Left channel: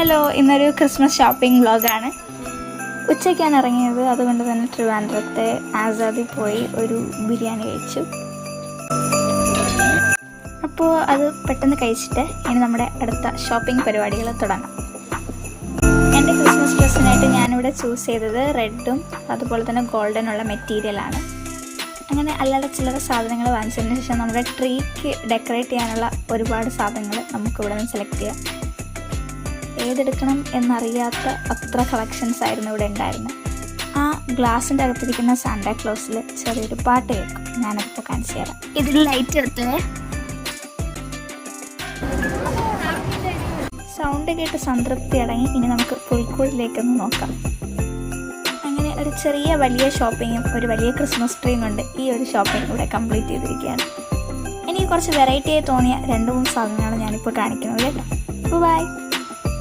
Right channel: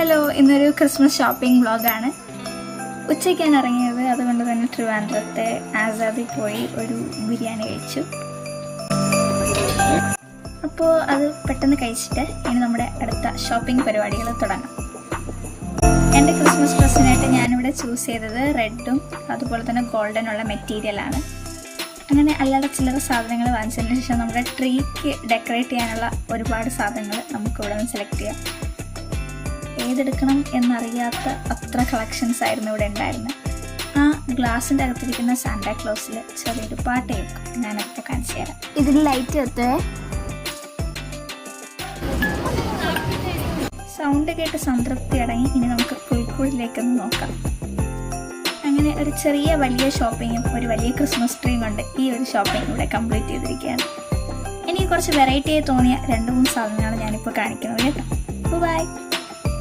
Hello, ഇന്നൊരു Christmas shopping വ്ളോഗാണ്. ഉച്ചയ്ക്കാണ് ഇറങ്ങിയത്. അതുകൊണ്ട് തന്നെ ട്രിവാൻഡ്രത്തെ ആസാദിൽ പോയി ഒരു ബിരിയാണി കഴിച്ചു. അപ്പോൾ അത് പെട്ടെന്ന് കഴിച്ചിട്ട് ഇനി നമ്മുടെ അടുത്ത ഷോപ്പിംഗ് പരിപാടികൾ തുടങ്ങാം. എൻ്റെ ക്രിസ്മസ് ഡ്രസ്സിനായിട്ട് ഞാനിവിടെ ചൂസ് ചെയ്തത് റെഡും അതുപോലെ തന്നെ ഗോൾഡനുള്ള മെറ്റീരിയലാണ്. അങ്ങനെ അല്ലാതെ ചില്ലറ സാധനങ്ങൾ വാങ്ങിച്ചതിന് ശേഷം നമ്മുടെ ട്രീക്ക് ഡെക്കറേറ്റ് ചെയ്യാനുള്ള ഒരുപാട് സാധനങ്ങൾ നമുക്കിവിടെ നിന്ന് സെലക്ട് ചെയ്യാം. ഏതെടുക്കണം എന്നറിയാത്ത അത്ര കളക്ഷൻസ് ആയിരുന്നു ഇവിടെ ഉണ്ടായിരുന്നത്. ആ ഗ്ലാസിൻ്റെ അകത്തിരിക്കുന്ന സാന്റാക്ലോസിൽ ചെറിയൊരു പാട്ട് കേൾക്കും. ഞാനപ്പോൾ കാണിച്ചു തരാം. ഇതിൽ ലൈറ്റ് എത്തുവേ. സൗണ്ട് കേട്ട് സംതൃപ്തി അടങ്ങി ഇനി നമുക്ക് പുൽക്കൂടിലേക്കൊന്ന് നോക്കാം. അങ്ങനെ ഒരു ചെറിയ വലിയ ഷോപ്പിങ്ങും ഒരു വലിയ ക്രിസ്മസ് ട്രീയും കൊണ്ട് ഈ ഒരു ഷോപ്പിംഗ് ഇവിടെ കംപ്ലീറ്റ് ചെയ്തിരിക്കുകയാണ്. എനിക്ക് കുറച്ച് വെറൈറ്റി ആയി തോന്നിയ 2-3 സാധനങ്ങളാണ് ഞാനിപ്പോൾ കാണിക്കുന്നത് കേട്ടോ. ബൈ.